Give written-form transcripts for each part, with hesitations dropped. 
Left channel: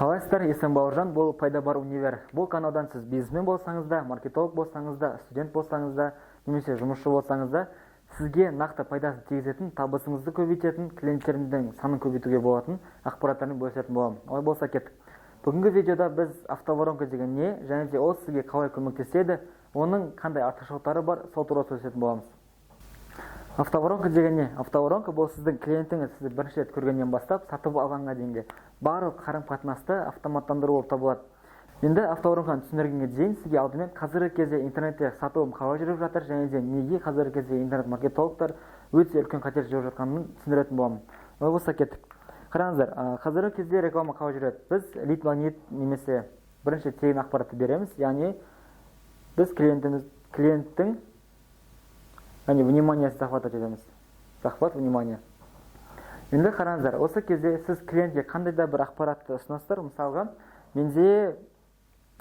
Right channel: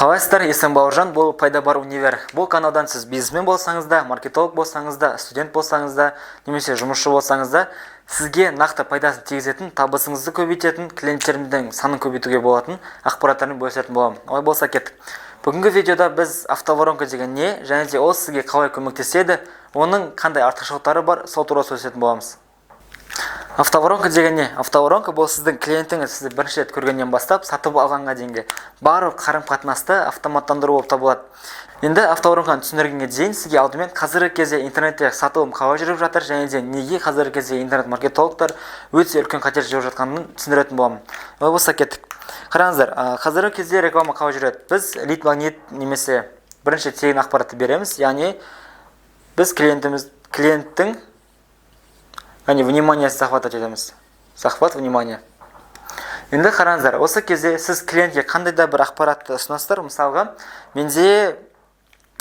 Қалайсыздар, есім Бауыржан, бұл пайда бар универ. Бұл каналдан сіз бизнесмен болсаңыз да, маркетолог болсаңыз да, студент болсаңыз да, немесе жұмысшы болсаңыз да, сізге нақты пайдасын тигізетін, табысыңызды көбейтетін, клиенттеріміздің санын көбейтуге болатын ақпараттарын бөлісетін боламын. Олай болса кеттік. Бүгінгі видеода біз автоворонка деген не, және де ол сізге қалай көмектеседі, оның қандай артықшылықтары бар, сол туралы сөйлесетін боламыз. Автоворонка деген не? Автоворонка бұл сіздің клиентіңіз сізді бірінші рет көргеннен бастап сатып алғанға дейінгі барлық қарым-қатынасты автоматтандыру болып табылады. Енді автоворонканы түсіндіргенге дейін сізге алдымен қазіргі кезде интернетте сатылым қалай жүріп жатыр, және де неге қазіргі кезде интернет-маркетологтар өте үлкен қатер жүріп жатқанын түсіндіретін боламын. Олай болса кеттік. Қараңыздар, қазіргі кезде реклама қалай жүреді? Біз лид магнит немесе бірінші тегін ақпаратты береміз, яғни біз клиенттің внимание захватать етеміз. Захват внимание. Енді қараңыздар, осы кезде сіз клиентке қандай да бір ақпаратты ұсынасыздар. Мысалға, менде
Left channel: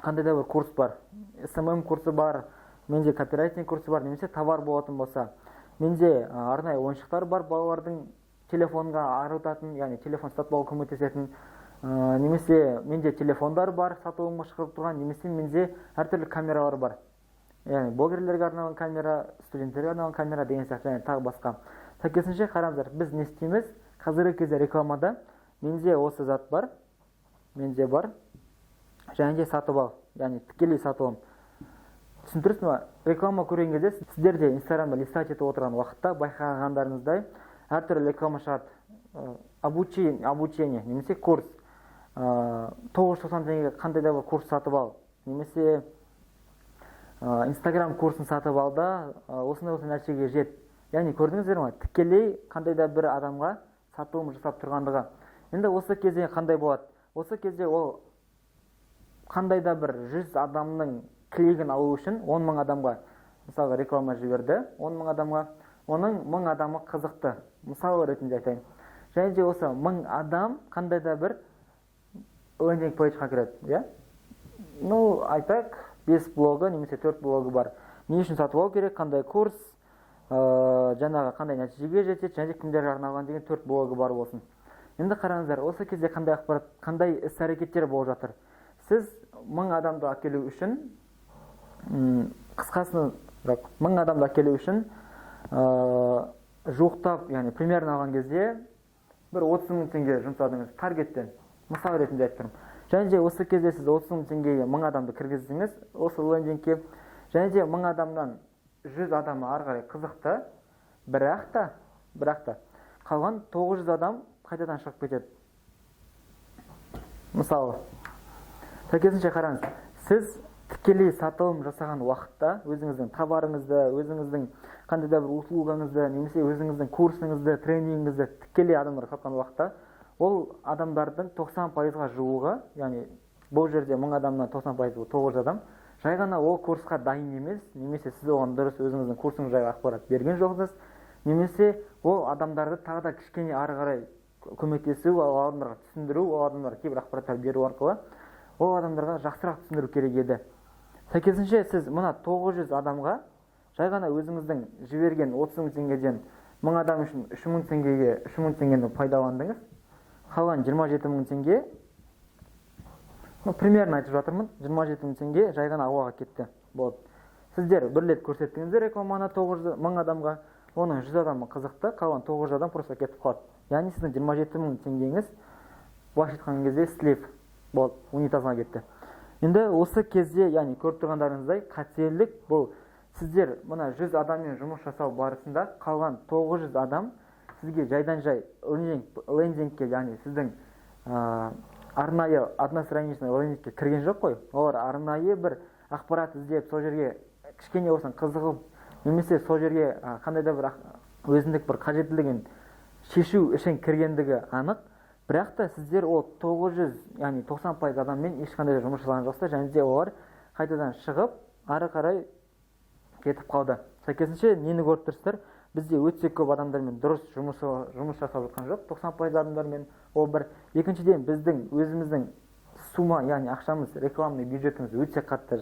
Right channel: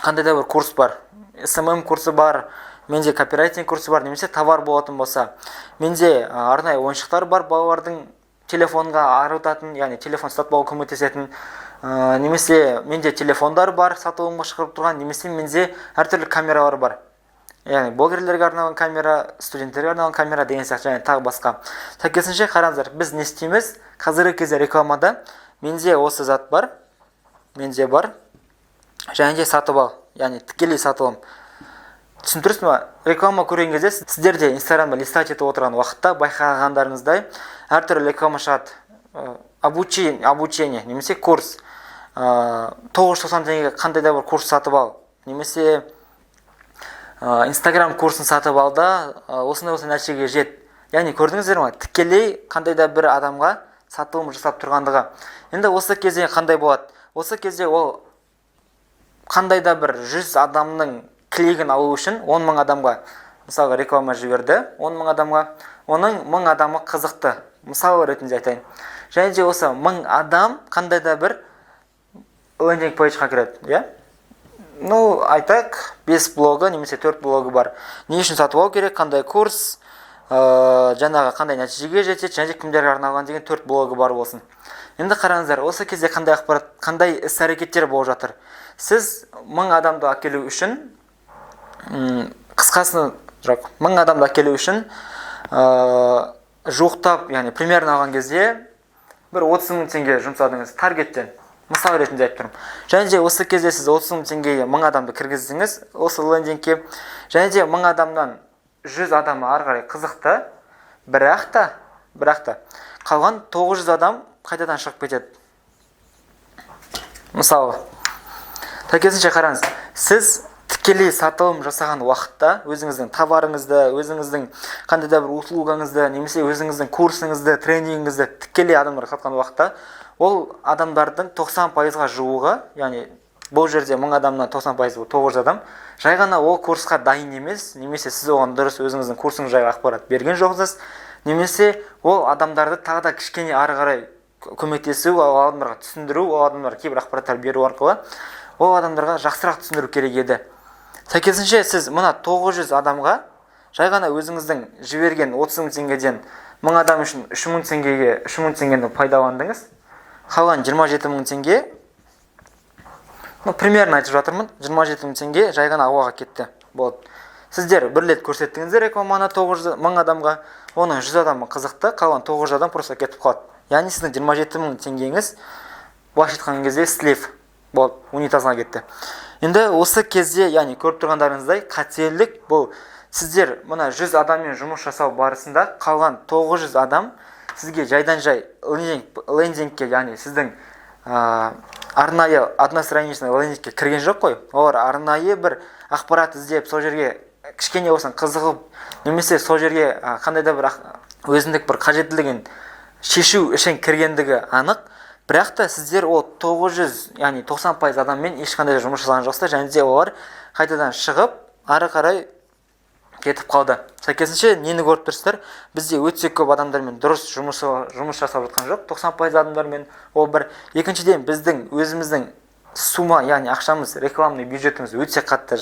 қандай да бір курс бар, SMM курсы бар, менде копирайтинг курсы бар, немесе товар болатын болса, менде арнайы ойыншықтар бар, балалардың телефонға арылтатын, яғни телефон сатып алуға көмектесетін, немесе менде телефондар бар, сатылымға шығарып тұрған, немесе менде әртүрлі камералар бар. Яғни блогерлерге арналған камера, студенттерге арналған камера деген сияқты, және тағы басқа. Сәйкесінше қараңыздар, біз не істейміз? Қазіргі кезде рекламада менде осы зат бар, менде бар, және де сатып ал, яғни тікелей сатылым. Түсіндірсіз ме? Реклама көрген кезде сіздерде Инстаграмда листать етіп отырған уақытта байқағандарыңыздай әртүрлі реклама шығады. Обучение, немесе курс. 990 теңгеге қандай да бір курс сатып ал, немесе Инстаграм курсын сатып алда, осындай нәтижеге жет. Яғни көрдіңіздер ме? Тікелей қандай да бір адамға сатылым жасап тұрғандығы. Енді осы кезде қандай болады? Осы кезде ол қандай да бір 100 адамның клигін алу үшін 10 мың адамға, мысалы реклама жіберді, 10 мың адамға, оның 1000 адамы қызықты. Мысалы ретінде айтайын. Және де осы 1000 адам қандай да бір лендинг пейджға кіреді, айтайық, 5 блогы немесе 4 блогы бар. Не үшін сатып алу керек, қандай курс, жаңағы қандай нәтижеге жетеді, және кімдерге арналған деген 4 блогы бар болсын. Енді қараңыздар, осы кезде қандай ақпарат, қандай іс-әрекеттер болып жатыр. Сіз 1000 адамды әкелу үшін, қысқасын, 1000 адамды әкелу үшін жуықтап, яғни примерно алған кезде бір 30 мың теңге жұмсадыңыз таргеттен. Мысал ретінде айтып тұрмын. Және де осы кезде сіз 30 мың теңгеге 1000 адамды кіргіздіңіз осы лендингке. Және де 1000 адамнан 100 адамы ары қарай қызықты, бірақ та қалған 900 адам қайтадан шығып кетеді. Мысалы, сәйкесінше қараңыз, сіз тікелей сатылым жасаған уақытта өзіңіздің товарыңызды, өзіңіздің қандай да бір услугаңызды, немесе өзіңіздің курсыңызды, тренингіңізді тікелей адамдарға сатқан уақытта ол адамдардың 90%-ға жуығы, яғни бұл жерде 1000 адамнан 90% 900 адам, жай ғана ол курсқа дайын емес, немесе сіз оған дұрыс өзіңіздің курсыңыз жайлы ақпарат берген жоқсыз, немесе ол адамдарды тағы да кішкене ары қарай көмектесу, ол адамдарға түсіндіру, ол адамдарға кейбір ақпараттар беру арқылы ол адамдарға жақсырақ түсіндіру керек еді. Сәйкесінше сіз мына 900 адамға жай ғана өзіңіздің жіберген 30 мың теңгеден 1000 адам үшін 3000 теңгені пайдаландыңыз. Қалған 27 мың теңге, примерно айтып жатырмын, 27 мың теңге жай ғана ауаға кетті. Сіздер бір рет көрсеттіңіздер рекламаны 1000 адамға, оның 100 адамы қызықты, қалған 900 адам просто кетіп қалады. Яғни сіздің 27 мың теңгеңіз былайша айтқан кезде слив болды, унитазға кетті. Енді осы кезде, яғни көріп тұрғандарыңыздай, қателік бұл сіздер мына 100 адаммен жұмыс жасау барысында қалған 900 адам сізге жайдан жай лендингке, яғни сіздің арнайы одностраничный лендингке кірген жоқ қой. Олар арнайы бір ақпарат іздеп, сол жерге кішкене болсын қызығып, немесе сол жерге қандай да бір өзіндік бір қажеттілігін шешу үшін кіргендігі анық. Бірақ та сіздер ол 900, яғни 90% адаммен ешқандай жұмыс жасаған жоқсыздар, және де олар қайтадан шығып, ары қарай кетіп қалды. Сәйкесінше нені көріп тұрсыздар? Бізде өте көп адамдармен дұрыс жұмыс жасап жатқан жоқ, 90% адамдармен. Ол бір. Екіншіден, біздің өзіміздің сума, яғни ақшамыз, рекламный бюджетіміз өте қатты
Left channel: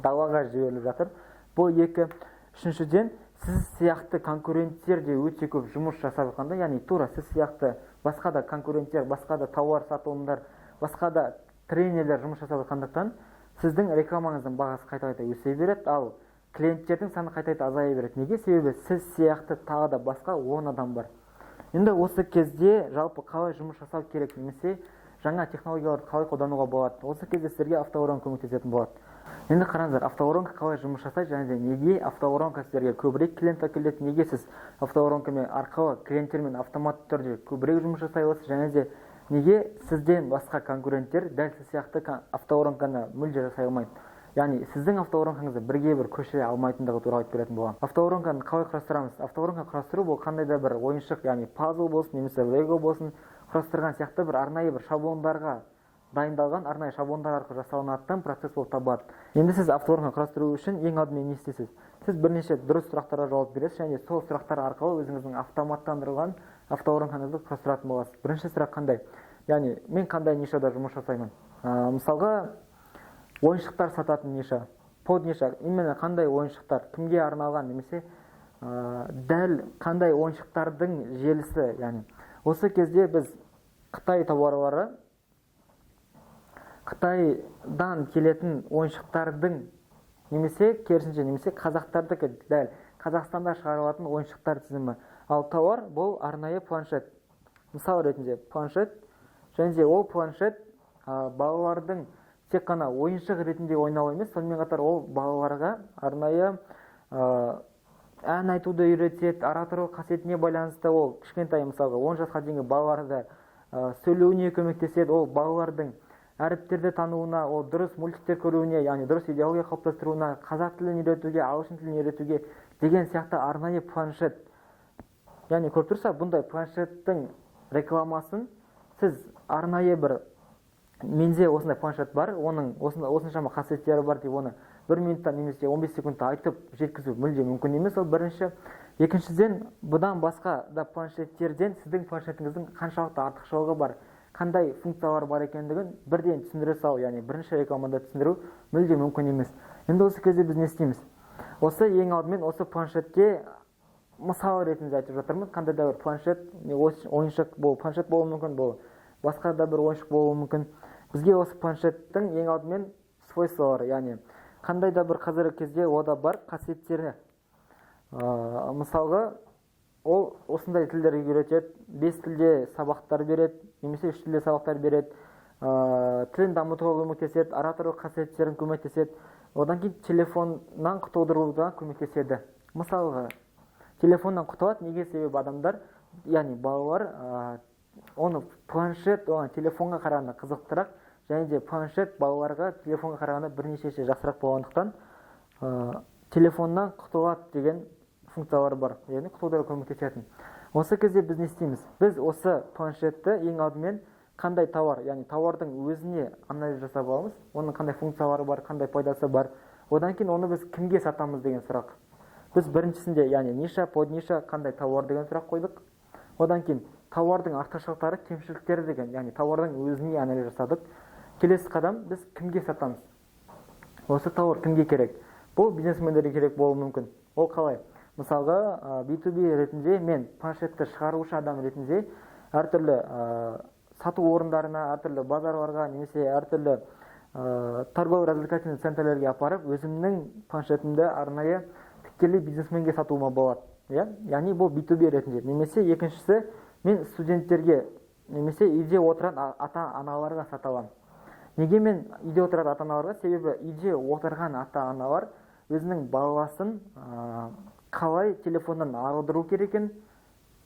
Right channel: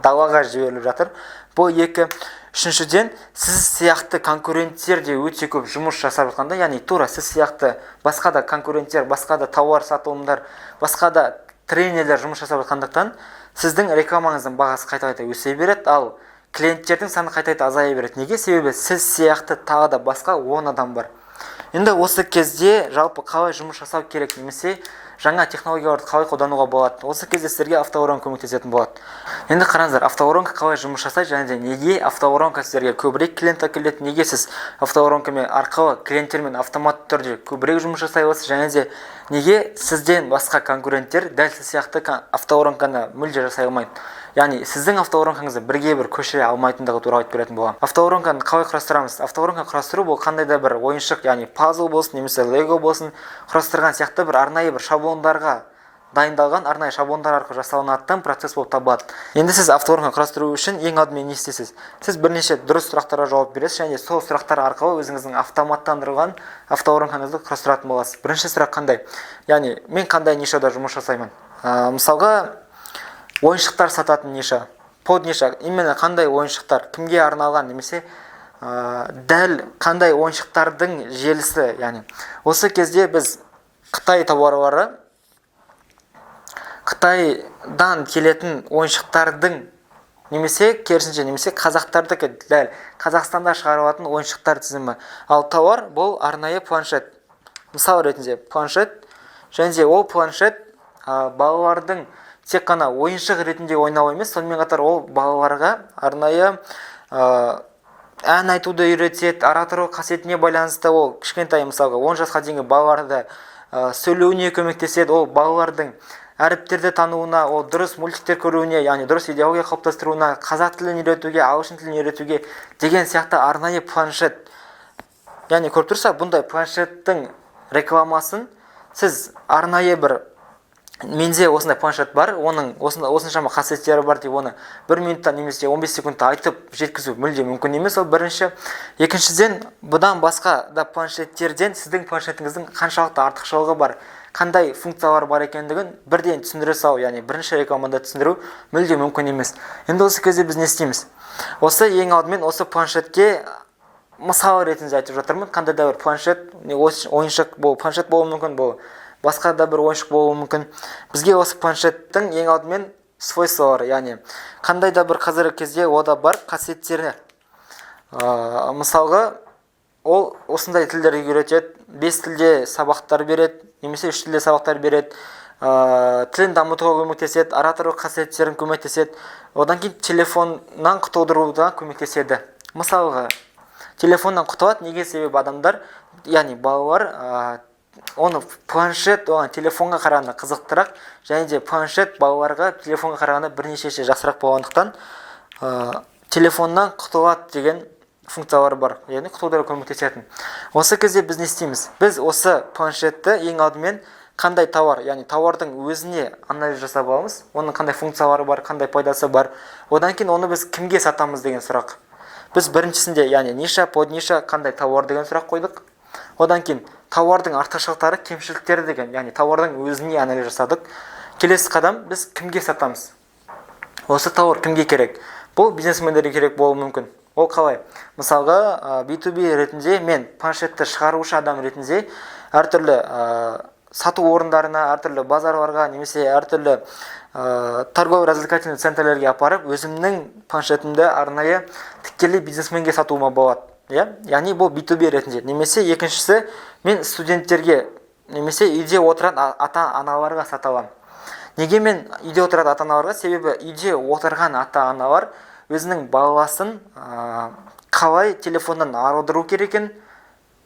далаға жіберіліп жатыр. Бұл екі. Үшіншіден, сіз сияқты конкуренттер де өте көп жұмыс жасап жатқанда, яғни тура сіз сияқты басқа да конкуренттер, басқа да тауар сатылымдар, басқа да тренерлер жұмыс жасап жатқандықтан сіздің рекламаңыздың бағасы қайта-қайта өсе береді, ал клиенттердің саны қайта-қайта азая береді. Неге? Себебі сіз сияқты тағы да басқа 10 адам бар. Енді осы кезде жалпы қалай жұмыс жасау керек, немесе жаңа технологияларды қалай қолдануға болады, осы кезде сіздерге автоворонка көмектесетін болады. Енді қараңыздар, автоворонка қалай жұмыс жасайды және де неге автоворонка сіздерге көбірек клиент әкеледі, неге сіз автоворонкамен арқылы клиенттермен автоматты түрде көбірек жұмыс жасай аласыз, және де неге сізден басқа конкуренттер дәл сіз сияқты автоворонканы мүлде жасай алмайды. Яғни сіздің автоворонкаңызды бірге бір көшіре алмайтындығы туралы айтып беретін боламын. Автоворонканы қалай құрастырамыз? Автоворонка құрастыру бұл қандай да бір ойыншық, яғни пазл болсын, немесе лего болсын, құрастырған сияқты бір арнайы бір шаблондарға дайындалған арнайы шаблондар арқылы жасалынатын процесс болып табылады. Енді сіз автоворонка құрастыру үшін ең алдымен не істейсіз? Сіз бірнеше дұрыс сұрақтарға жауап бересіз және сол сұрақтар арқылы өзіңіздің автоматтандырылған автоворонкаңызды құрастыратын боласыз. Бірінші сұрақ қандай? Яғни мен қандай нишада жұмыс жасаймын? Мысалға ойыншықтар сататын ниша, под ниша, именно қандай ойыншықтар, кімге арналған, немесе дәл қандай ойыншықтардың желісі, яғни осы кезде біз Қытай тауарлары, Қытайдан келетін ойыншықтардың немесе керісінше, немесе қазақтардікі дәл Қазақстанда шығарылатын ойыншықтар тізімі. Ал тауар бұл арнайы планшет. Мысал ретінде планшет, және де ол планшет балалардың тек қана ойыншық ретінде ойнау емес, сонымен қатар ол балаларға арнайы ән айтуды үйретеді, ара-тұру қасиетіне байланысты ол кішкентай, мысалға 10 жасқа дейінгі балаларды сөйлеуіне көмектеседі, ол балалардың әріптерді тануына, ол дұрыс мультиктер көруіне, яғни дұрыс идеология қалыптастыруына, қазақ тілін үйретуге, ағылшын тілін үйретуге деген сияқты арнайы планшет. Яғни көріп тұрса, бұндай планшеттің рекламасын сіз арнайы бір менде осындай планшет бар, оның осыншама қасиеттері бар деп оны 1 минутта немесе 15 секундта айтып жеткізу мүлде мүмкін емес. Ол бірінші. Екіншіден, бұдан басқа да планшеттерден сіздің планшетіңіздің қаншалықты артықшылығы бар, қандай функциялар бар екендігін бірден түсіндіре салу, яғни бірінші рекламада түсіндіру мүлде мүмкін емес. Енді осы кезде біз не істейміз? Осы ең алдымен осы планшетке мысал ретінде айтып жатырмын. Қандай да бір планшет, ойыншық планшет болуы мүмкін, бұл басқа да бір ойыншық болуы мүмкін. Бізге осы планшеттің ең алдымен свойстволары, яғни қандай да бір қазіргі кезде ода бар қасиеттері. Мысалға, ол осындай тілдерге үйретеді, 5 тілде сабақтар береді, немесе 3 тілде сабақтар береді, тілін дамытуға көмектеседі, ара-тұру қасиеттерін көмектеседі, одан кейін телефоннан құтылдыруға көмектеседі. Мысалға, телефоннан құтылады, неге? Себебі адамдар, яғни балалар оны планшет, телефонға қарағанда қызықтырақ, және де планшет балаларға телефонға қарағанда бірнеше есе жақсырақ болғандықтан телефоннан құтылады деген функциялары бар, яғни құтылуға көмектесетін. Осы кезде біз не істейміз? Біз осы планшетті ең алдымен қандай тауар, яғни тауардың өзіне анализ жасап аламыз, оның қандай функциялары бар, қандай пайдасы бар. Одан кейін оны біз кімге сатамыз деген сұрақ. Біз біріншісінде, яғни ниша, под ниша, қандай тауар деген сұрақ қойдық. Одан кейін тауардың артықшылықтары, кемшіліктері деген, яғни тауардың өзіне анализ жасадық. Келесі қадам, біз кімге сатамыз? Осы тауар кімге керек? Бұл бизнесмендерге керек болуы мүмкін. Ол қалай? Мысалға, B2B ретінде мен планшетті шығарушы адам ретінде әртүрлі сату орындарына, әртүрлі базарларға, немесе әртүрлі торгово-развлекательный центрлерге апарып, өзімнің планшетімді арнайы тікелей бизнесменге сатуыма болады. Яғни бұл B2B ретінде. Немесе екіншісі, мен студенттерге, немесе үйде отырған ата-аналарға сата аламын. Неге мен үйде отырған ата-аналарға? Себебі үйде отырған ата-аналар өзінің баласын қалай телефоннан арылдыру керекін,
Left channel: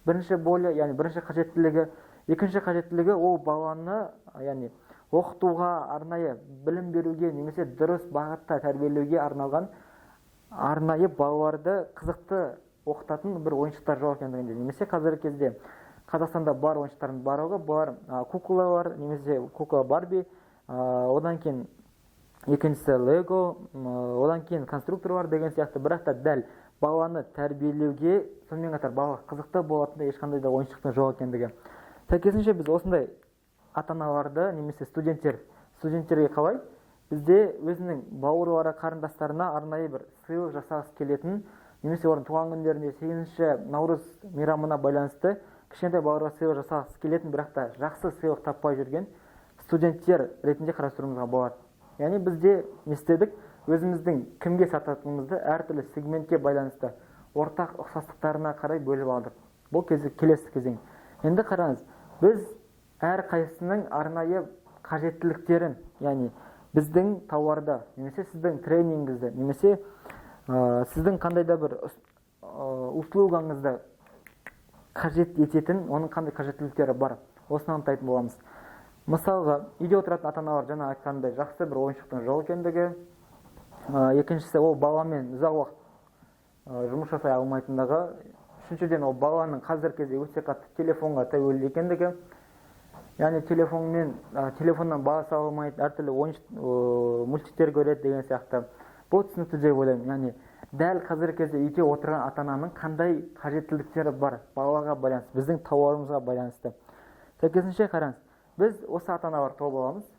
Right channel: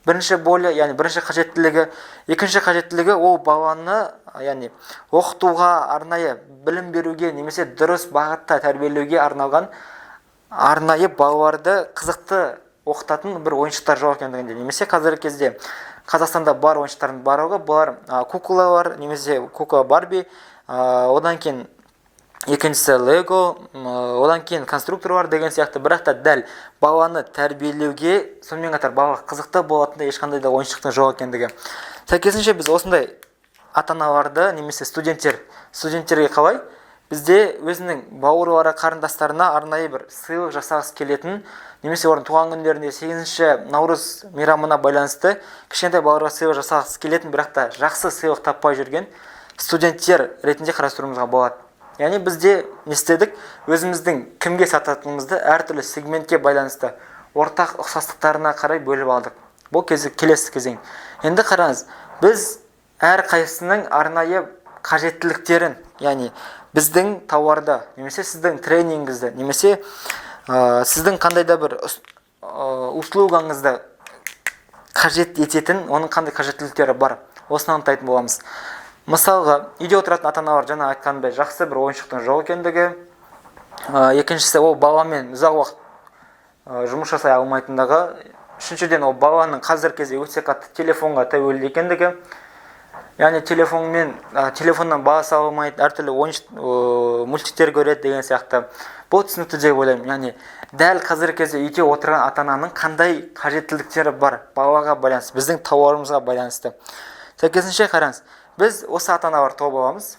бірінші болі, яғни бірінші қажеттілігі. Екінші қажеттілігі ол баланы, яғни оқытуға, арнайы білім беруге, немесе дұрыс бағытта тәрбиелеуге арналған арнайы балаларды қызықты оқытатын бір ойыншықтар жоқ екендігінде. Немесе қазіргі кезде Қазақстанда бар ойыншықтардың барлығы, бұлар куклалар, немесе кукла Барби, одан кейін екіншісі Лего, одан кейін конструкторлар деген сияқты, бірақ та дәл баланы тәрбиелеуге, сонымен қатар балаға қызықты болатындай ешқандай да ойыншықтың жоқ екендігі. Сәйкесінше біз осындай ата-аналарды, немесе студенттерге қалай? Бізде өзінің бауырлары, қарындастарына арнайы бір сыйлық жасағысы келетін, немесе орын туған күндерінде 8 наурыз мейрамына байланысты кішкентай балаларға сыйлық жасағысы келетін, бірақ та жақсы сыйлық таппай жүрген студенттер ретінде қарастыруымызға болады. Яғни бізде не істедік? Өзіміздің кімге сататынымызды әртүрлі сегментке байланысты ортақ ұқсастықтарына қарай бөліп алдық. Бұл келесі кезең. Енді қараңыз, біз әр қайсының арнайы қажеттіліктерін, яғни біздің тауарды, немесе сіздің тренингіңізді, немесе сіздің қандай да бір услугаңызды қажет ететін, оның қандай қажеттіліктері бар, осыны анықтайтын боламыз. Мысалға, үйде отыратын ата-аналар жаңа айтқандай жақсы бір ойыншықтың жоқ екендігі, екіншісі ол баламен ұзақ уақыт жұмыс жасай алмайтындығы, үшіншіден ол баланың қазір кезде өте қатты телефонға тәуелді екендігі, яғни телефоннан баласы алмайды, әртүрлі мультиктер көреді деген сияқты. Бұл түсінікті деп ойлаймын. Яғни дәл қазір кезде үйде отырған ата-ананың қандай қажеттіліктері бар балаға байланысты, біздің тауарымызға байланысты. Сәйкесінше қараңыз, біз осы ата-аналар тобы боламыз.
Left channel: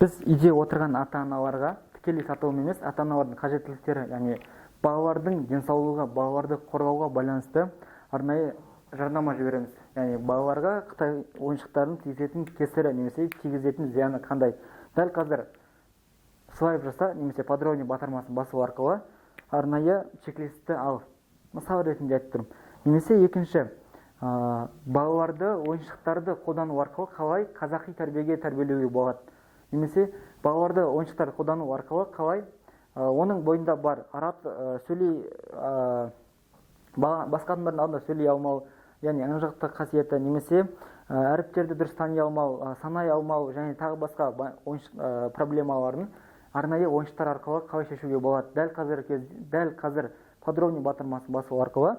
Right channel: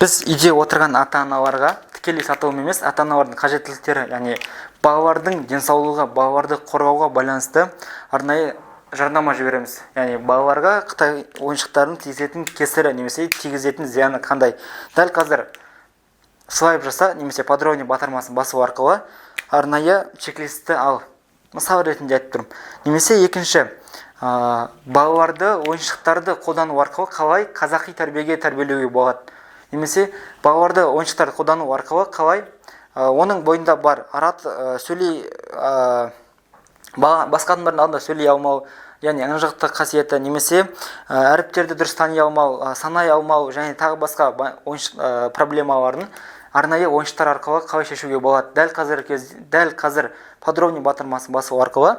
Біз үйде отырған ата-аналарға тікелей сатылым емес, ата-аналардың қажеттіліктері, яғни балалардың денсаулығы, балаларды қорғауға байланысты арнайы жарнама жібереміз. Яғни балаларға Қытай ойыншықтарын тигізетін кесірі немесе тигізетін зияны қандай. Дәл қазір слайд жаса немесе подробный батырмасын басу арқылы арнайы чек-листті ал. Мысал ретінде айтып тұрмын. Немесе екінші, балаларды ойыншықтарды қолдану арқылы қалай қазақи тәрбиеге тәрбиелеуге болады. Немесе балаларды ойыншықтарды қолдану арқылы қалай оның бойында бар басқа адамдардың алдында сөйлей алмау, яғни ынжықты қасиеті, немесе әріптерді дұрыс тани алмау, санай алмау және тағы басқа проблемаларын арнайы ойыншықтар арқылы қалай шешуге болады. Дәл қазір подробный батырмасын басу арқылы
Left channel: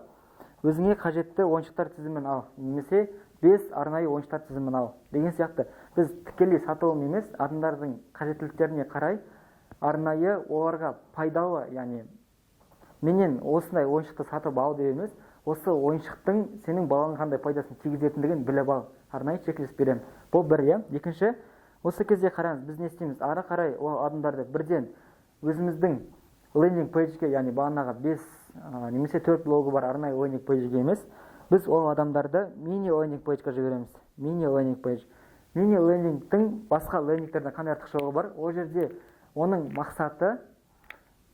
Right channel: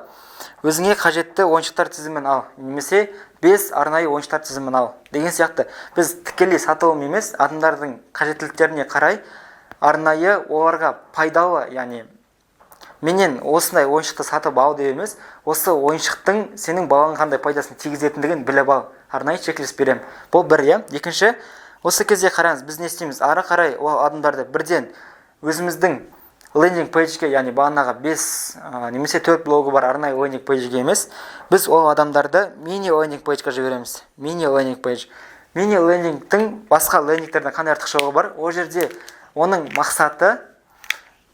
өзіңе қажетті ойыншықтар тізімін ал, немесе 5 арнайы ойыншықтар тізімін ал деген сияқты. Біз тікелей сатылым емес, адамдардың қажеттіліктеріне қарай арнайы оларға пайдалы, яғни менен осындай ойыншықты сатып ал деп емес, осы ойыншықтың сенің балаңа қандай пайдасын тигізетіндігін біліп ал, арнайы чек-лист берем. Бұл бір, екінші, осы кезде қараңыз, біз не істейміз? Ары қарай ол адамдарды бірден өзіміздің лендинг пейджге, яғни бағанағы 5 немесе 4 блогы бар арнайы лендинг пейджге емес, біз ол адамдарды мини лендинг пейджге жібереміз. Мини лендинг пейдж. Мини лендингтің басқа лендингтерден қандай артықшылығы бар? Ол жерде оның мақсаты,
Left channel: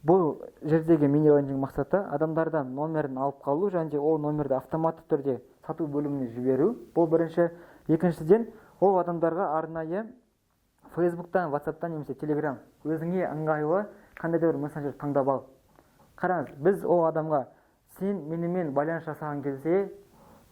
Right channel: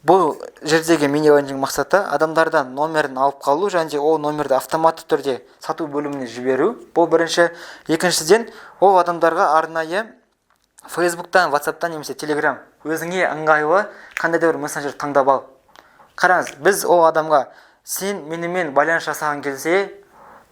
бұл жердегі мини лендинг мақсаты адамдардан номерін алып қалу және ол номерді автоматты түрде сату бөліміне жіберу. Бұл бірінші. Екіншіден, ол адамдарға арнайы Фейсбуктан, WhatsApp'тан немесе Telegram өзіңе ыңғайлы қандай да бір мессенджер таңдап ал. Қараңыз, біз ол адамға сен менімен байланыс жасаған кезде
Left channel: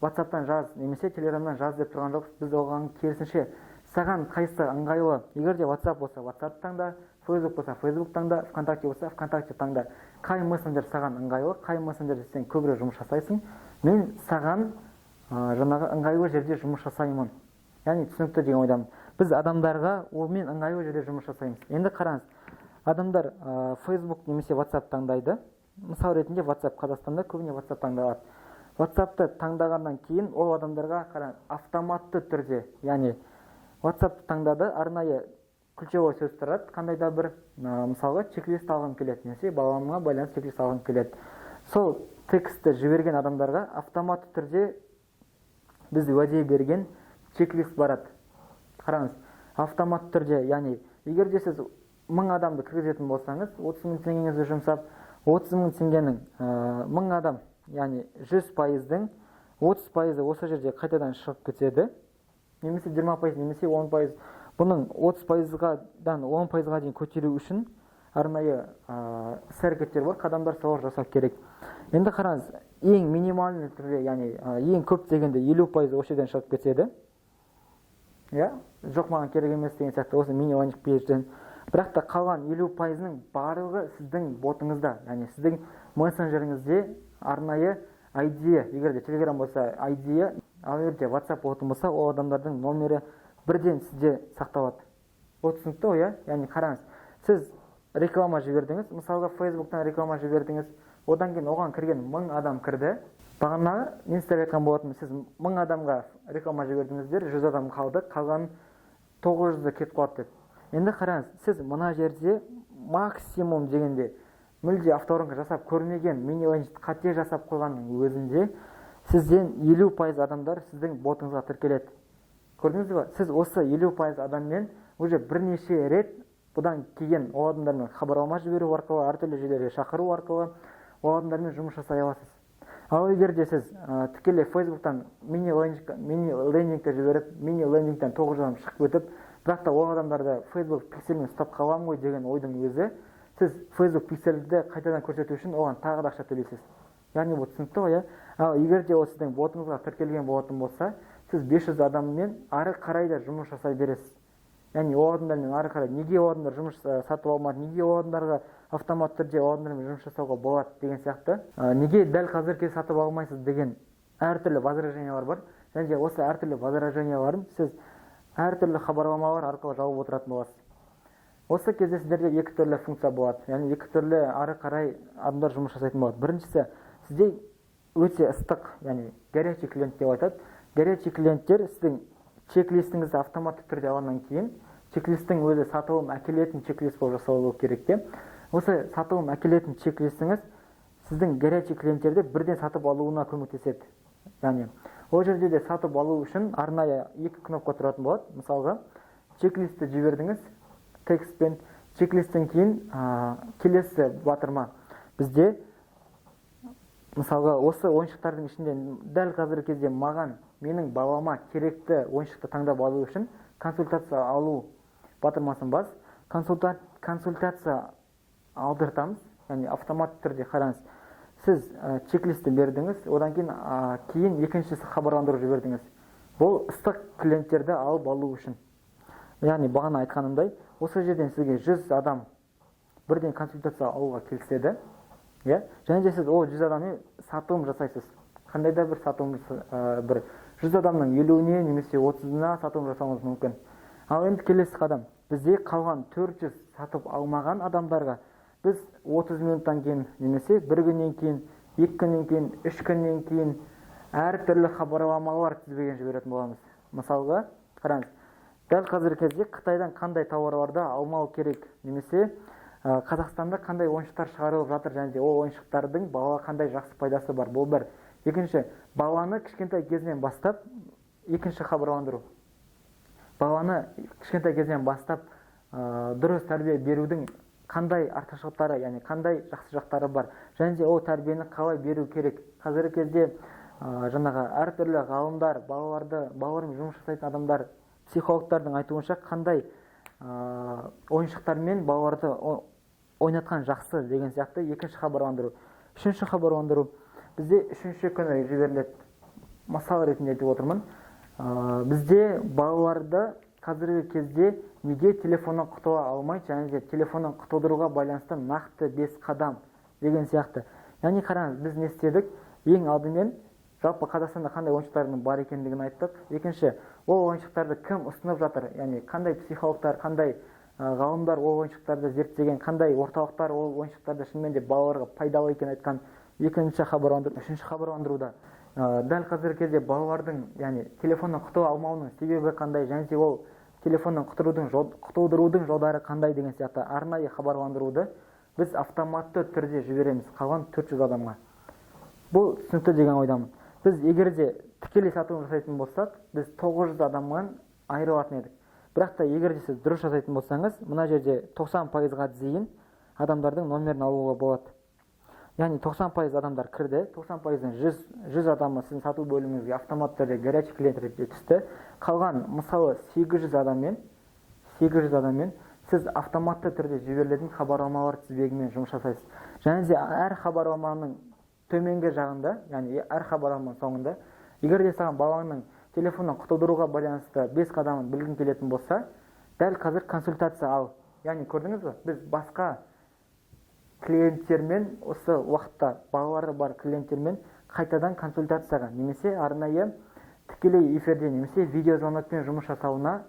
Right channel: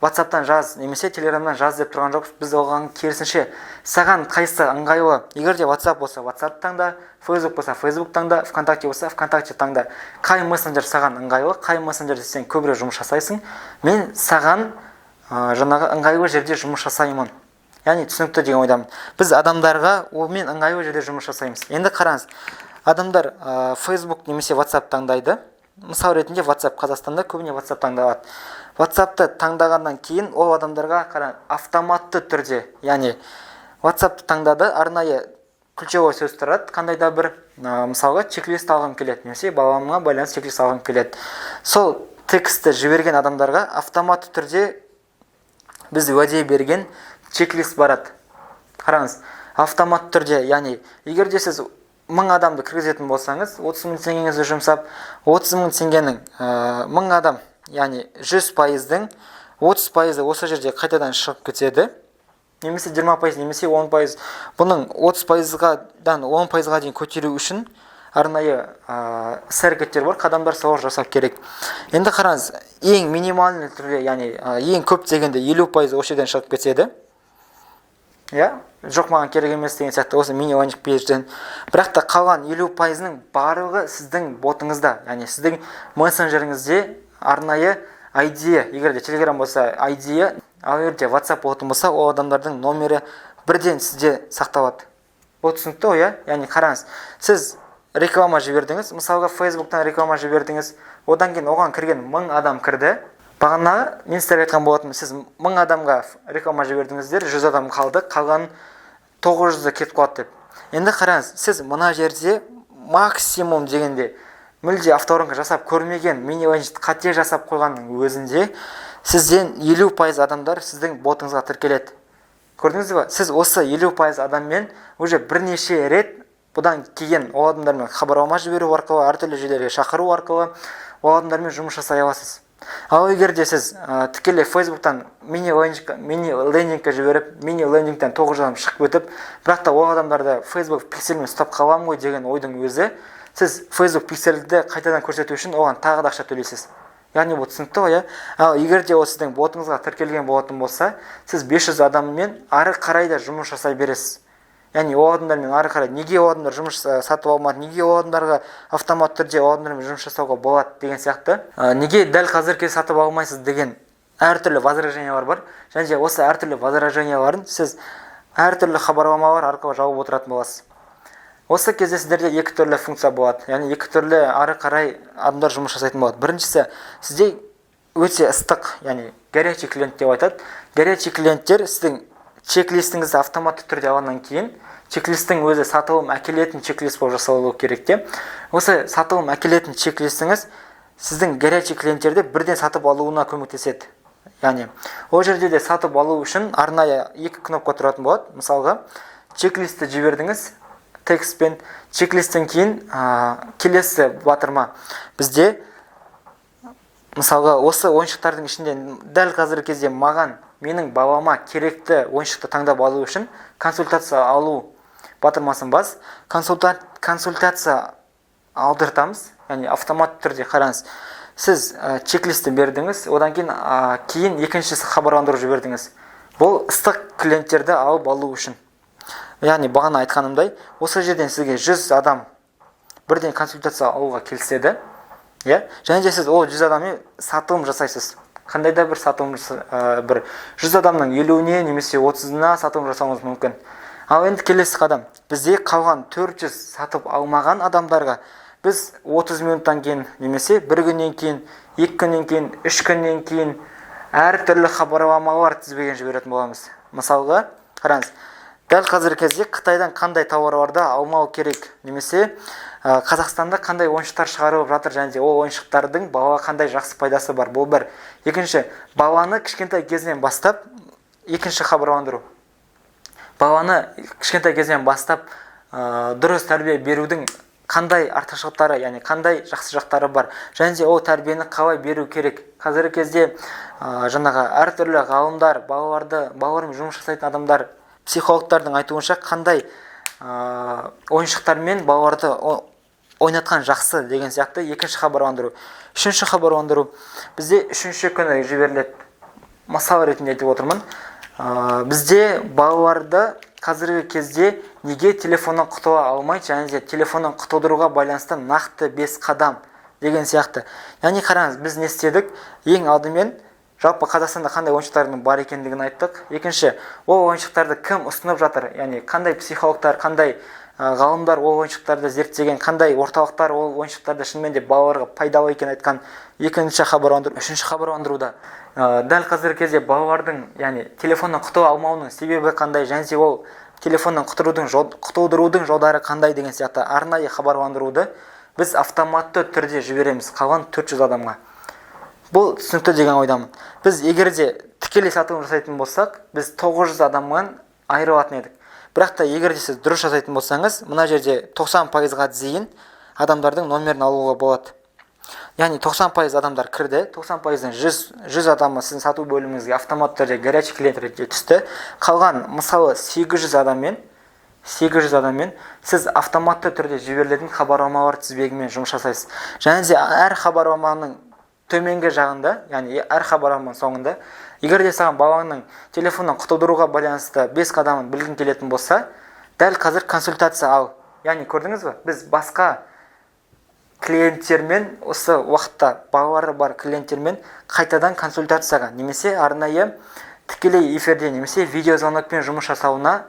WhatsApp'тан жаз немесе Telegram'дан жаз деп тұрған жоқпыз. Біз оған керісінше саған қайсы ыңғайлы, егер де WhatsApp болса WhatsApp таңда, Facebook болса Facebook таңда, ВКонтакте болса ВКонтакте таңда. Қай мессенджер саған ыңғайлы, қай мессенджерде сен көбірек жұмыс жасайсың, мен саған жаңағы ыңғайлы жерде жұмыс жасаймын. Яғни түсінікті деген ойдамын. Біз адамдарға мен ыңғайлы жерде жұмыс жасаймыз. Енді қараңыз, адамдар Facebook немесе WhatsApp таңдайды. Мысал ретінде WhatsApp Қазақстанда көбіне WhatsApp таңдалады. WhatsApp'ты таңдағаннан кейін ол адамдарға автоматты түрде, яғни WhatsApp'ты таңдады, арнайы ключевой сөз тұрады, қандай да бір мысалға чек-лист алғым келеді, немесе баламға байланысты чек-лист алғым келеді. Сол текстті жіберген адамдарға автоматты түрде біз уәде берген чек-лист барады. Қараңыз, автоматты түрде, яғни егер де сіз 1000 адамды кіргізетін болсаңыз, 30 000 теңгеңізді жұмсап, 30 000 теңгенің 1000 адам, яғни 100%-дің 30% осы жерде қайтадан шығып кетеді. Немесе 20%, немесе 10%. Бұның 30%-дан 10%-ға дейін көтеру үшін арнайы іс-әрекеттер бар, қадамдар солар жасап керек. Енді қараңыз, ең минимальный түрде, яғни ең көп дегенде 50% осы жерден шығып кетеді. Жоқ, маған керек емес деген сияқты осы мини лендинг пейджден. Бірақ та қалған 50%-ның барлығы сіздің ботыңызда, яғни сіздің мессенджеріңізде арнайы ID, егер де Telegram болса ID, ал егер WhatsApp болатын болса, ол адамдардың номері бірден сізде сақталады. Бұл түсінікті ғой, яғни қараңыз, сіз реклама жібердіңіз, мысалға Facebook'тан реклама жібердіңіз, одан кейін оған кірген 1000 адам кірді. Бағана мен сіздерге айтқан болатынмын, сіз 1000 адамға реклама жібердіңіздер, 100 адам қалды, қалған 900-ді кетіп қалады деп. Енді қараңыз, сіз мына жерде максимум дегенде мүлде авторынға жасап көрмеген мини-лендингті қате жасап қойғанның өзінде сізден 50% адамдар сіздің ботыңызға тіркеледі. көрдіңіз ба, сіз осы 50% адаммен уже бірнеше рет бұдан кейін ол адамдармен хабарлама жіберу арқылы, әртүрлі жерлерге шақыру арқылы ол адамдармен жұмыс жасай аласыз. Ал егер де сіз тікелей Facebooktан мини лендингке жіберіп, мини лендингтен 9 адам шығып өтіп, бірақ та ол адамдарды Facebook пикселмен ұстап қаламын ғой деген ойдың өзі, сіз Facebook пиксельді қайтадан көрсету үшін оған тағы да ақша төлейсіз. Яғни бұл түсінікті ғой, ал егер де ол сіздің ботыңызға тіркелген болатын болса, сіз 500 адаммен ары қарай да жұмыс жасай бересіз. Яғни ол адамдармен ары қарай неге ол адамдар жұмыс сатып алмады, неге ол адамдарға автомат түрде ол адамдармен жұмыс жасауға болады деген сияқты, неге дәл қазірге сатып алмайсыз деген әртүрлі возражениялар бар. Және де осы әртүрлі возраженияларын сіз әртүрлі хабарламалар арқылы жауып отыратын боласыз. Осы кезде сіздерде екі түрлі функция болады. Яғни екі түрлі ары қарай адамдар жұмыс жасайтын болады. Біріншісі, сізде өте ыстық, яғни горячий клиент деп айтады. Горячий клиенттер сіздің чек-листіңізді автоматты түрде алғаннан кейін, чек-листтің өзі сатылым әкелетін чек-лист болып жасалуы керек те. Осы сатылым әкелетін чек-листіңіз сіздің горячий клиенттерді бірден сатып алуына көмектеседі. Яғни, ол жерде де сатып алу үшін арнайы екі кнопка тұратын болады. Мысалға, чек-листті жібердіңіз текстпен, чек-листтен кейін келесі батырма. Бізде мысалға осы ойыншықтардың ішінде дәл қазіргі кезде менің балама керекті ойыншықты таңдап алу үшін консультация алу батырмасын бас. Консультация алдыртамыз, яғни автомат түрде. Қараңыз, сіз чек-листті бердіңіз, одан кейін екіншісі хабарландыру жібердіңіз. Бұл ыстық клиенттерді алып алу үшін. Яғни бағана айтқанымдай, осы жерден сізге 100 адам бірден консультация алуға келіседі. Және де сіз ол 100 адаммен сатылым жасайсыз. Қандай да бір сатылым, 100 адамның 50-не немесе 30-на сатылым жасауыңыз мүмкін. Ал енді келесі қадам. Бізде қалған 400 сатып алмаған адамдарға біз 30 минуттан кейін немесе 1 күннен кейін, 2 күннен кейін, 3 күннен кейін әртүрлі хабарламалар тізбеген жіберетін боламыз. Мысалға, қараңыз, дәл қазіргі кезде Қытайдан қандай тауарларды алмау керек, немесе Қазақстанда қандай ойыншықтар шығарылып жатыр, және де ол ойыншықтардың балаға қандай жақсы пайдасы бар. Бұл бір. Екінші, баланы кішкентай кезінен бастап, екінші хабарландыру. Баланы кішкентай кезінен бастап дұрыс тәрбие берудің қандай артықшылықтары, яғни қандай жақсы жақтары бар, және де ол тәрбиені қалай беру керек. Қазіргі кезде жаңағы әртүрлі ғалымдар, балалармен жұмыс жасайтын адамдар, психологтардың айтуынша қандай ойыншықтармен балаларды ойнатқан жақсы деген сияқты екінші хабарландыру. Үшінші хабарландыру бізде үшінші күні жіберіледі. Мысал ретінде айтып отырмын. Бізде балаларды қазіргі кезде неге телефоннан құтыла алмайды, және де телефоннан құтылдыруға байланысты нақты 5 қадам деген сияқты. Яғни қараңыз, біз не істедік? Ең алдымен жалпы Қазақстанда қандай ойыншықтардың бар екендігін айттық. Екінші, ол ойыншықтарды кім ұсынып жатыр? Яғни қандай психологтар, қандай ғалымдар ол ойыншықтарды зерттеген, қандай орталықтар ол ойыншықтарды шынымен де балаларға пайдалы екенін айтқан. Екінші хабарландыру. Үшінші хабарландыруда дәл қазіргі кезде балалардың, яғни телефоннан құтыла алмауының себебі қандай, және де ол телефоннан құтылдырудың жолдары қандай деген сияқты арнайы хабарландыруды біз автоматты түрде жібереміз қалған 400 адамға. Бұл түсінікті деген ойдамын. Біз егер де тікелей сатылым жасайтын болсақ, біз 900 адамнан айырылатын едік. Бірақ та егер де сіз дұрыс жасайтын болсаңыз, мына жерде 90%-ға дейін адамдардың номерін алуға болады. Яғни 90% адамдар кірді, 90%-дан 100 адамы сіздің сату бөліміңізге автомат түрде горячий клиент ретінде түсті. Қалған мысалы 800 адаммен сіз автоматты түрде жіберілетін хабарламалар тізбегімен жұмыс жасайсыз. Және де әр хабарламаның төменгі жағында, яғни әр хабарламаның соңында, егер де саған балаңның телефоннан құтылдыруға байланысты 5 қадамын білгің келетін болса, дәл қазір консультация ал. Яғни көрдіңіз бе? Біз басқа клиенттермен, осы уақытта балалары бар клиенттермен қайтадан консультацияға, немесе арнайы тікелей эфирде, немесе видеозвонокпен жұмыс жасауына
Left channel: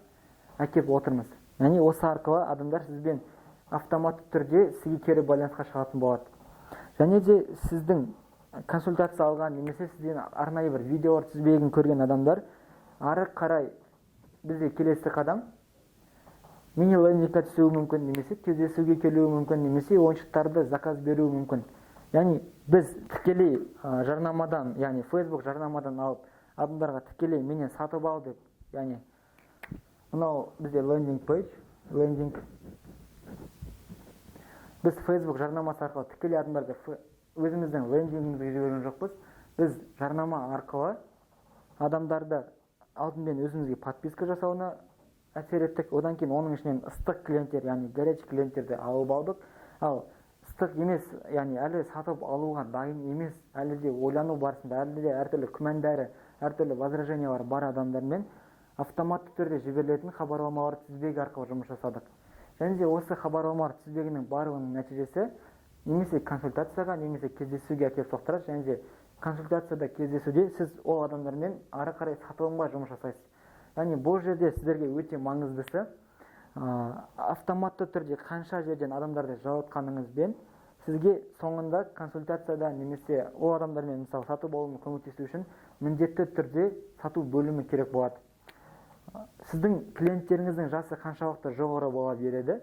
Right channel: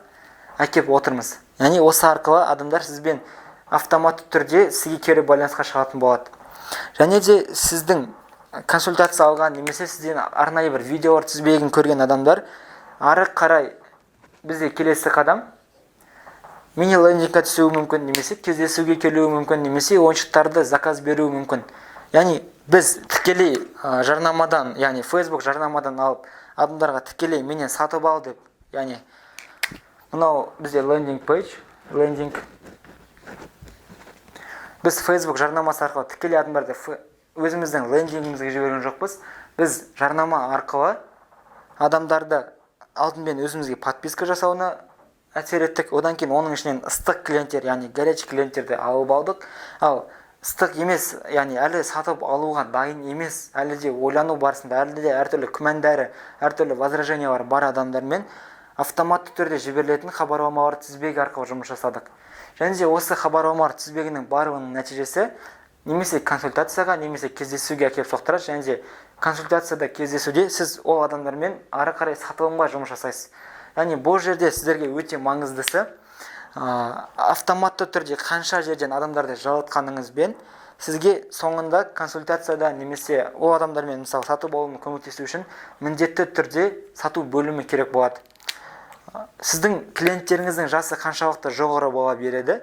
әкеп отырмыз. Яғни осы арқылы адамдар сізбен автоматты түрде сізге кері байланысқа шығатын болады. Және де сіздің консультация алған, немесе сізден арнайы бір видеолар тізбегін көрген адамдар ары қарай бізде келесі қадам мини-лендингке түсуі мүмкін, немесе кездесуге келуі мүмкін, немесе ойыншықтарды заказ беруі мүмкін. Яғни біз тікелей жарнамадан, яғни Facebook жарнамадан алып, адамдарға тікелей менен сатып ал деп, яғни мынау бізде лендинг пейдж, лендинг. Біз Facebook жарнамасы арқылы тікелей адамдарды өзіміздің лендингімізге жіберген жоқпыз. Біз жарнама арқылы адамдарды алдымен өзімізге подписка жасауына әсер еттік. Одан кейін оның ішінен ыстық клиенттер, яғни горячий клиенттерді алып алдық. Ал ыстық емес, яғни әлі сатып алуға дайын емес, әлі де ойлану барысында, әлі де әртүрлі күмәндары, әртүрлі возражениялар бар адамдармен автоматты түрде жіберілетін хабарламалар тізбегі арқылы жұмыс жасадық. Және де осы хабарламалар тізбегінің барлығының нәтижесі немесе консультацияға, немесе кездесуге әкеліп соқтырады. Және де консультацияда, кездесуде сіз ол адамдармен ары қарай сатылымға жұмыс жасайсыз. Яғни бұл жерде сіздерге өте маңыздысы автоматты түрде қанша жерден адамдарды жалатқаныңызбен сізге соңында консультацияда немесе ол адамдармен мысалы сатып алуына көмектесу үшін міндетті түрде сату бөлімі керек болады. Сіздің клиенттеріңіздің жасы қаншалықты жоғары бола береді,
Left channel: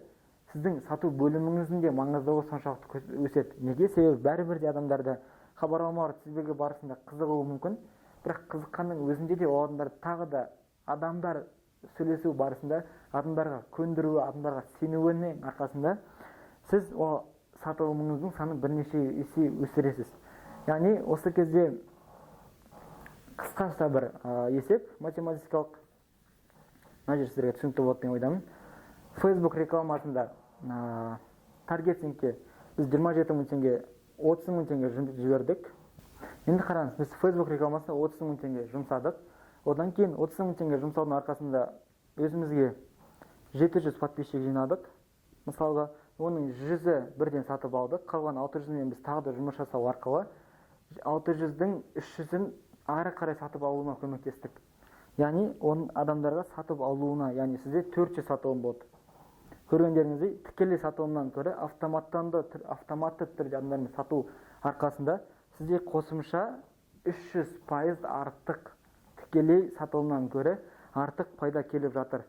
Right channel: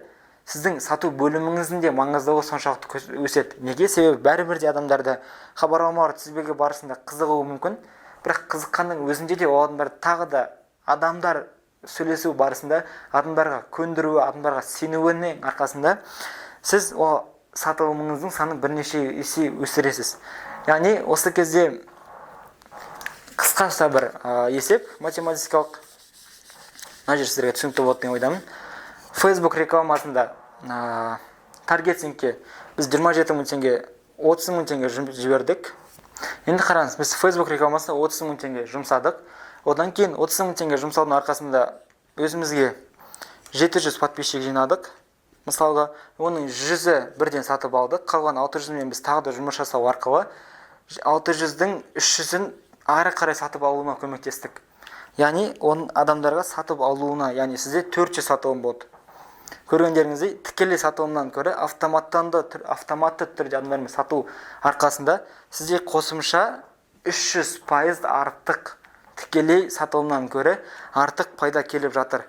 сіздің сату бөліміңіздің де маңыздылығы соншалықты өседі. Неге? Себебі бәрібір де адамдарды хабарламалар тізбегі барысында қызығуы мүмкін, бірақ қызыққанның өзінде де ол адамдарды тағы да адамдар сөйлесу барысында адамдарға көндіруі, адамдарға сенуінің арқасында сіз ол сатылымыңыздың санын бірнеше есе өсіресіз. Яғни осы кезде қысқаша бір есеп математикалық, мына жер сіздерге түсінікті болады деген ойдамын. Facebook рекламасында таргетингке біз 27 мың теңге, 30 мың теңге жібердік. Енді қараңыз, біз Facebook рекламасына 30 мың теңге жұмсадық. Одан кейін 30 мың теңге жұмсаудың арқасында өзімізге 700 подписчик жинадық. Мысалға, оның 100-і бірден сатып алдық. Қалған 600-мен біз тағы да жұмыс жасау арқылы 600-дің 300-ін ары қарай сатып алуына көмектестік. Яғни, оның адамдарға сатып алуына, яғни сізде 400 сатылым болды. Көргендеріңіздей, тікелей сатылымнан көрі автоматты түрде адамдармен сату арқасында сізде қосымша 300% артық тікелей сатылымнан көрі артық пайда келіп жатыр.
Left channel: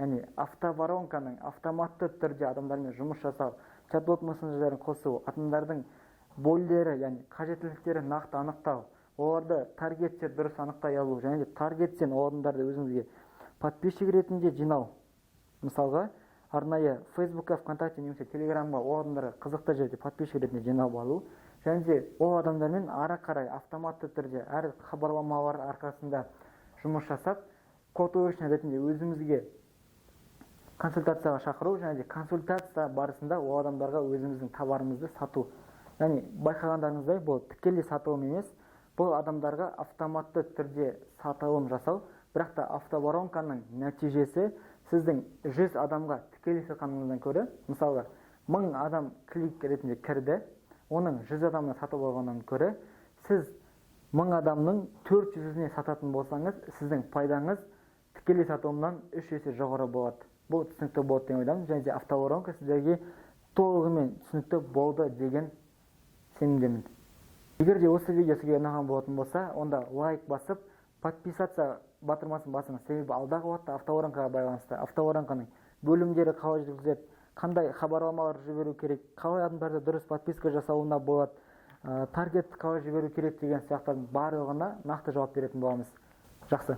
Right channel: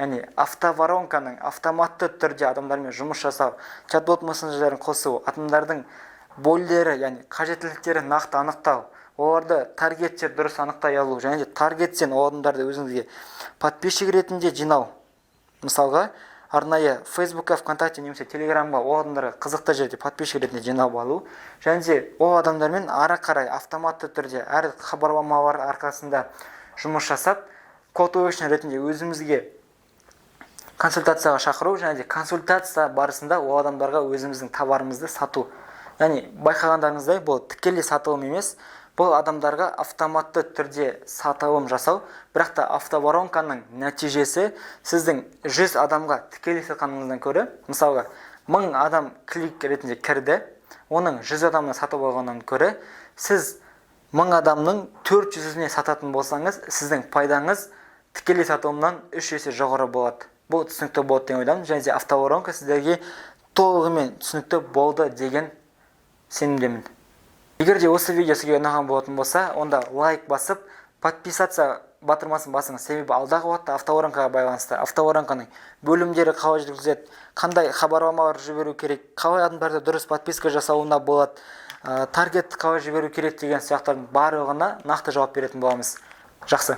Яғни автоворонканың автоматты түрде адамдармен жұмыс жасау, чат-бот мессенджерлерін қосу, адамдардың бойлері, яғни қажеттіліктері нақты анықтау, оларды таргеттер дұрыс анықтай алу, және де таргеттен ол адамдарды өзіңізге подписчик ретінде жинау. Мысалға, арнайы Facebook'қа, ВКонтакте немесе Телеграмға ол адамдарға қызықты жерде подписчик ретінде жинап алу, және де ол адамдармен ары қарай автоматты түрде әр хабарламалар арқасында жұмыс жасап, call to action ретінде өзімізге консультацияға шақыру, және де консультация барысында ол адамдарға өзіміздің товарымызды сату. Яғни байқағандарыңыздай, бұл тікелей сатылым емес, бұл адамдарға автоматты түрде сатылым жасау, бірақ та автоворонканың нәтижесі сіздің 100 адамға тікелей сатқаныңыздан көрі, мысалға 1000 адам клик ретінде кірді, оның 100 адамына сатып алғаннан көрі, сіз 1000 адамның 400-іне сататын болсаңыз, сіздің пайдаңыз тікелей сатылымнан 3 есе жоғары болады. Бұл түсінікті болды деген ойдамын, және де автоворонка сіздерге толығымен түсінікті болды деген сенімдемін. Егер де осы видео сізге ұнаған болатын болса, онда лайк басып, подписаться батырмасын басыңыз. Себебі алдағы уақытта автоворонкаға байланысты, автоворонканың бөлімдері қалай жүргізіледі, қандай хабарламалар жіберу керек, қалай адамдарды дұрыс подписка жасауына болады, таргет қалай жіберу керек деген сияқтардың барлығына нақты жауап беретін боламыз. Жақсы.